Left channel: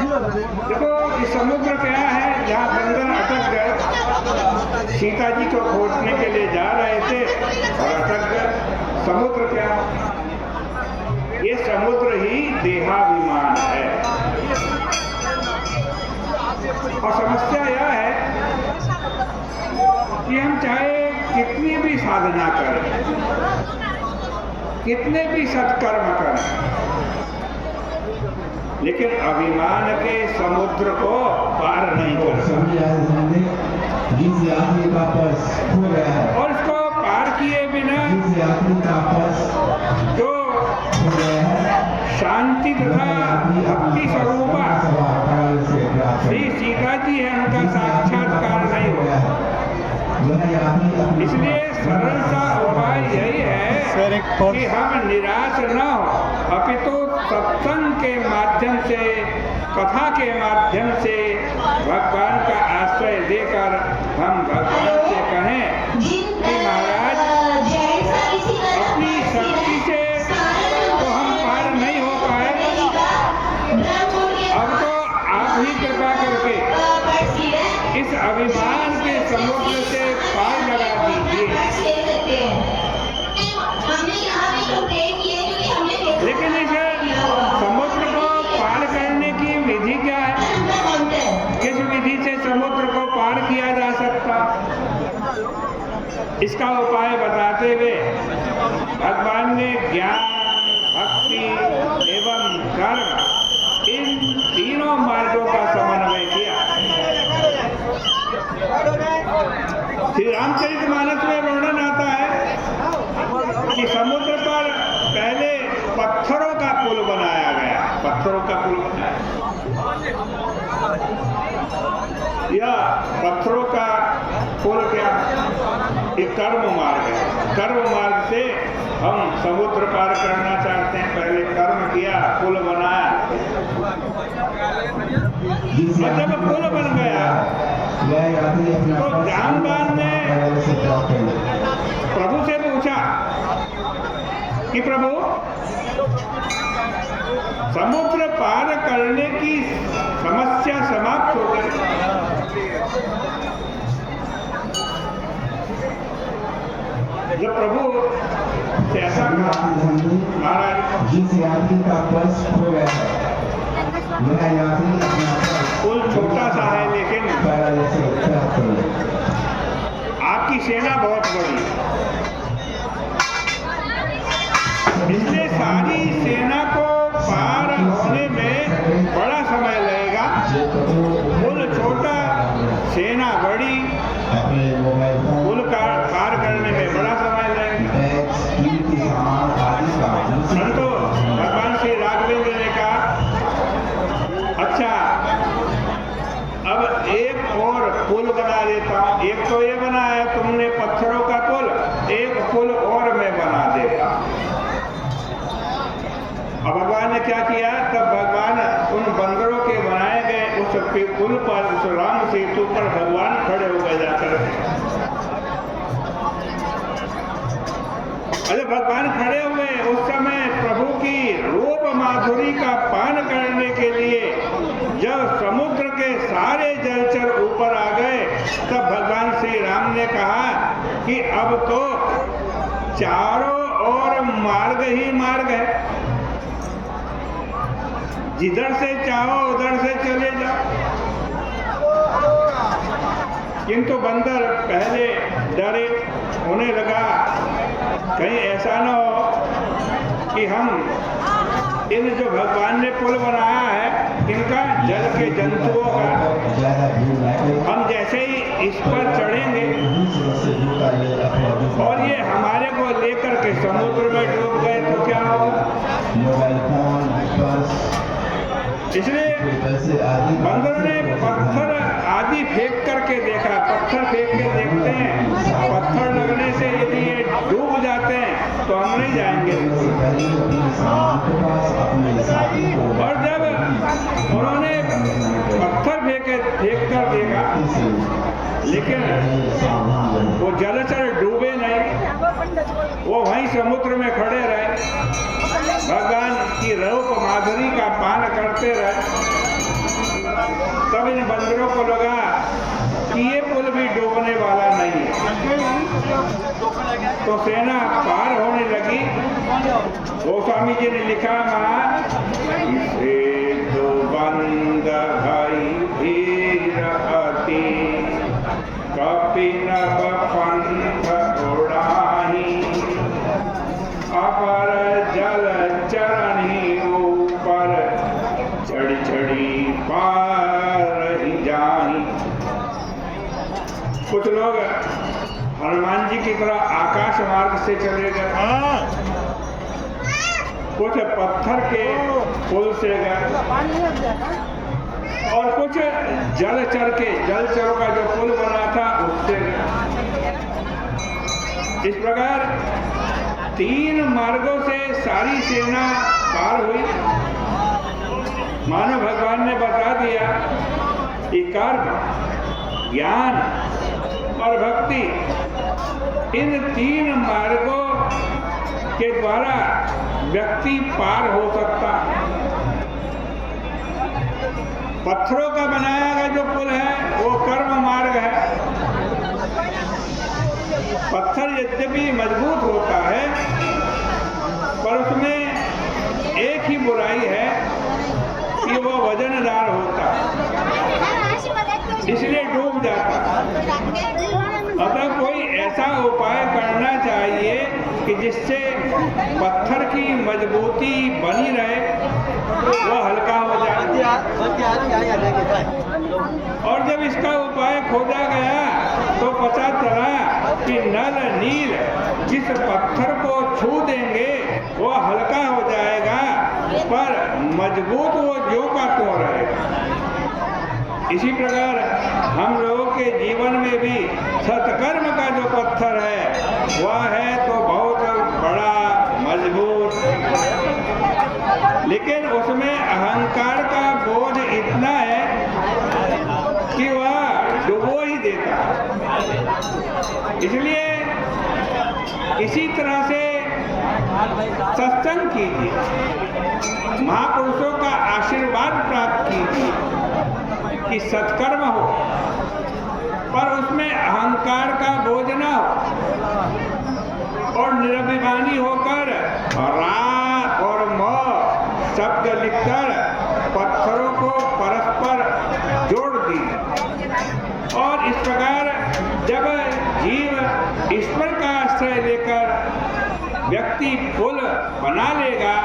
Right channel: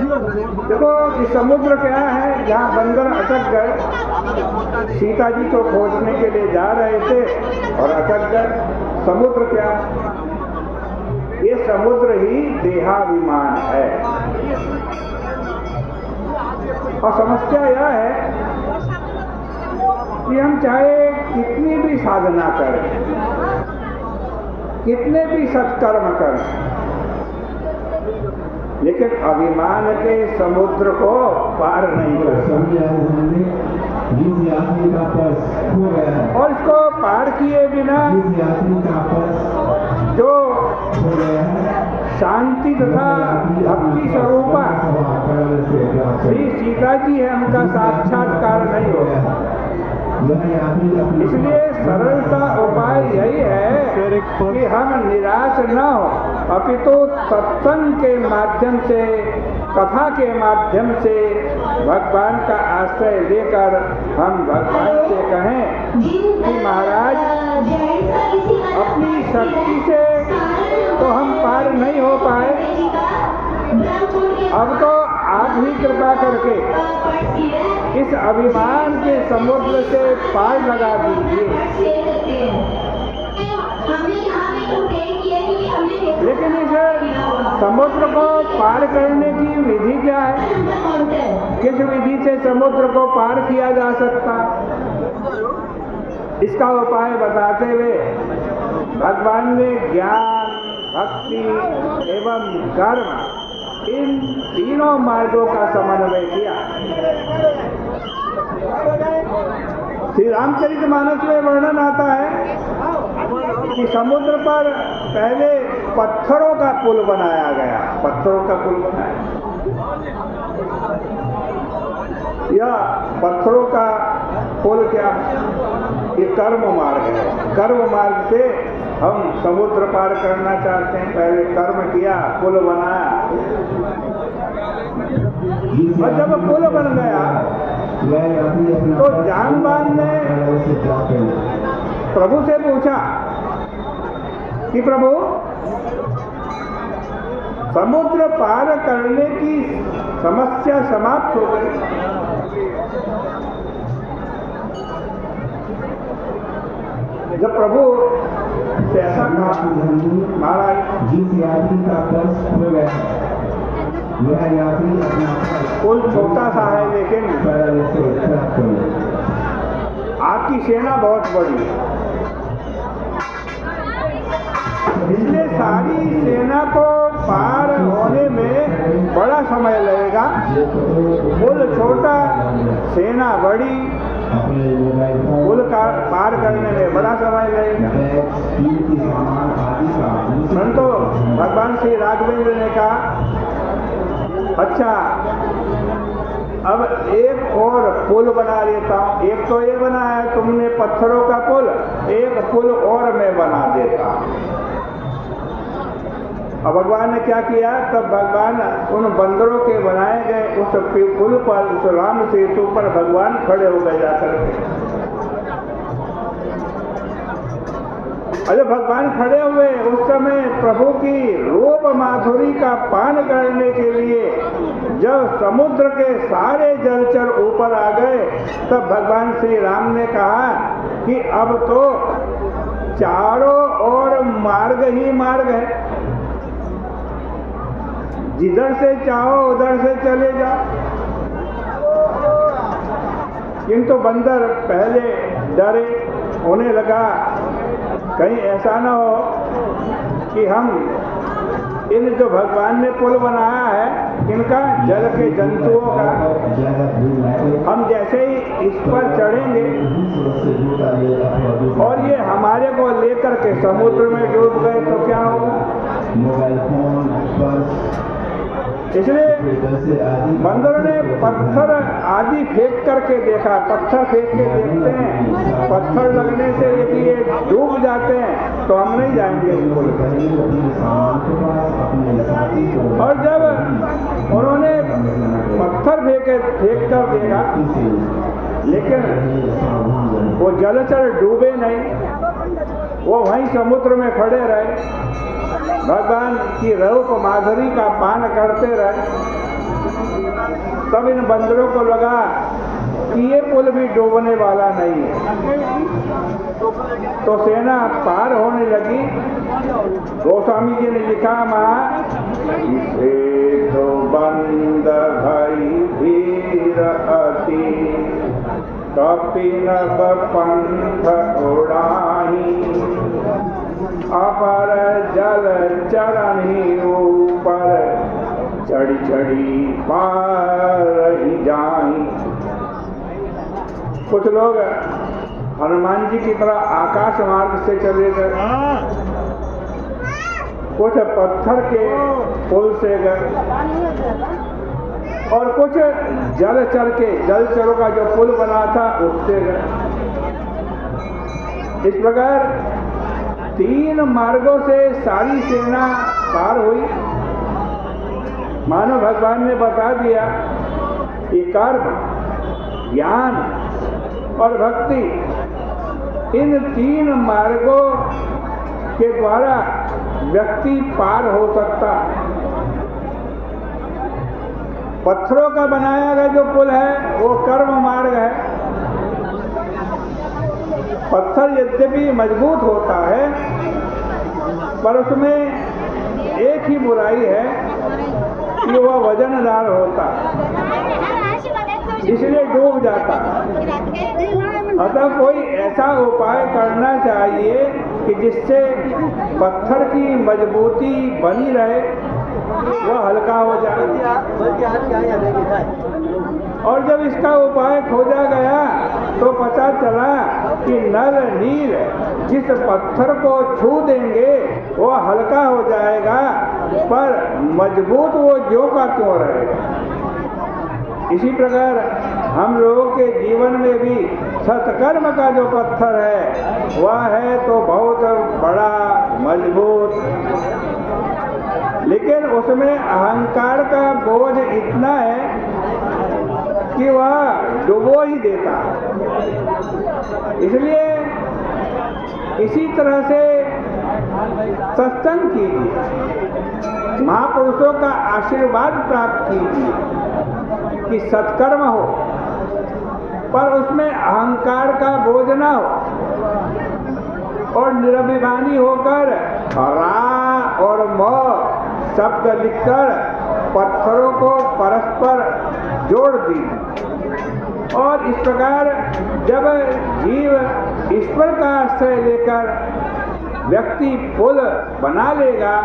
देखो कि समुद्र क्या है, जहाँ बंदर अटक गए, सीता जी को खोजने के लिए जा रहे थे और अटक गए। समुद्र क्या है? ये समुद्र ही देहाभिमान है। और समस्या यह है कि हम चाहे कितनी भी साधना करें, कितने भी सत्कर्म करें, लेकिन अभिमान के समुद्र को पार नहीं कर सकते। और इसको पार किए बिना जो शांति तथा भक्ति स्वरूपा श्री सीता जी है, उनका साक्षात्कार नहीं होगा। इसलिए सरल सा उपाय यही है कि हम निराश न हो, अपितु सत्संग के माध्यम से, कथा के माध्यम से भगवान का आश्रय लेकर हम भगवान से कहें कि महाराज, अपनी शक्ति से तो हम पार नहीं हो पाए, अब तो आप ही कृपा करके इस अभिमान के समुद्र से पार लगा दीजिए। लेकिन इस समुद्र को पार करने की विधि क्या है? किस विधि से समुद्र को पार किया जा सकता? इसका उपाय बताते हुए भगवान ने ज्ञान, भक्ति एवं कर्म, इन तीनों मार्गों का समन्वय किया। श्री रामचरितमानस में वर्णन आता है कि समुद्र पर पहले पत्थरों का पुल बनाया गया। पत्थरों का पुल बनाया, यह पत्थरों का पुल क्या? ये कर्म मार्ग है। कर्म मार्ग से हम समुद्र पार करना चाहते हैं, पहले कर्म किया, पुल बनाया, और जब पुल बन गया तो जामवान ने प्रभु से पूछा कि प्रभु, समुद्र पार करने की समस्या समाप्त हो गई, जब प्रभु से ऐसा कहा, महाराज जिस यात्री का पर्स खो गया है, वह यात्री अपना पुल छोटा सा है, लेकिन आपकी सेना बहुत बड़ी है, इसलिए सारी सेना को पार होने में बड़ा समय लगेगा। पुल छोटा, सेना बड़ी, पुल पार करने में बड़ा समय लगेगा। परंतु भगवान श्री राघवेंद्र ने कहा, अच्छा, अब एक और पुल बना देता हूँ। एक तो ये बना है तुमने पत्थरों का पुल, एक पुल और मैं बना देता हूँ। अब भगवान ने क्या किया? तब भगवान उन बंदरों के बनाए गए उस पुल पर, उस राम सेतु पर भगवान खड़े हो गए जाकर के। अरे भगवान खड़े हुए, उस समय प्रभु की रूप माधुरी का पान करने के लिए जब समुद्र के सारे जलचर ऊपर आ गए, तब भगवान श्री राम ने कहा कि अब तो चारों ओर मार्ग ही मार्ग है, जिधर से चाहो उधर से चले जाओ। किंतु बंदर पहले डरे, उन्हें लगा कहीं ऐसा न हो कि हम इन जो भगवान ने पुल बनाया है, इनका जल के जंतुओं का, हम जैसे ही इस पर चढ़ेंगे और ये हमारे को लेकर के समुद्र में डूब गए तो क्या होगा? इसलिए बंदरों ने पत्थर आदि फेंक करके देखा। पत्थर फेंक के देखते हैं, पत्थर लगने से यदि ये डूब जाते हैं तो हम नहीं जाएंगे। और जब उन्होंने पत्थर फेंक कर देखा, लेकिन वो जलचर डूबे नहीं, वो वहीं समुद्र में खड़े रहे, भगवान की रूप माधुरी का पान करते रहे। तब इन बंदरों को लगा कि ये पुल भी डूबने वाला नहीं है, तो सेना पार होने लगी। गोस्वामी जी ने लिखा मां इसे तो बंद भई भीर अति, कपिनव पंथ उड़ाही, अपर जल चरणी ऊपर, चढ़ी चढ़ी पार ही जाई। कुछ लोग हनुमान जी की तरह आकाश मार्ग से चले गए, कुछ पत्थर के पुल से गए, और कुछ जलचरों का जो पुल बना था उससे गए। इस प्रकार 3 मार्गों से सारी सेना पार हुई। मानो भगवान ने बता दिया कि कर्म, ज्ञान और भक्ति, इन 3 मार्गों के द्वारा व्यक्ति पार हो सकता। पत्थरों का बनाया गया जो पुल है वो कर्म मार्ग है। पत्थर यद्यपि मजबूत होता है, पर उसमें एक ही बुराई है कि वह वजनदार होता, इसलिए डूब जाता। अतः कोई ऐसा उपाय करना चाहिए कि जिससे पत्थर की मजबूती बनी रहे, वह हल्का हो जाए। और जब इसका उपाय खोजा गया तो पता चला कि नल नील जिस पत्थर को छू देंगे वो हल्का हो जाएगा, पर मजबूत वो ज्यों का त्यों रहेगा। इसी प्रकार हम लोगों के जीवन में भी सत्कर्म का जो पत्थर है वह है तो बहुत बड़ा मजबूत, लेकिन उसमें अहंकार का बोझ इतना है कि वह डुबो ही देता है। इसलिए इसी तरह से सत्संग कीजिए, महापुरुषों का आशीर्वाद प्राप्त कीजिए कि सत्कर्म हो, पर उसमें अहंकार का बोझ न हो, और निरभिमानी होकर रा और म शब्द लिखकर पत्थरों को परस्पर जोड़ दी। और इस प्रकार जब जीव ईश्वर का आश्रय लेकर व्यक्ति पुल बना लेगा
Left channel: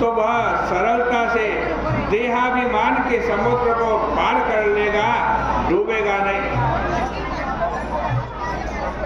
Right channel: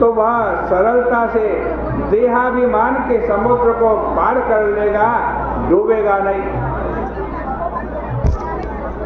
तो वह सरलता से देहाभिमान के समुद्र को पार कर लेगा, डूबेगा नहीं।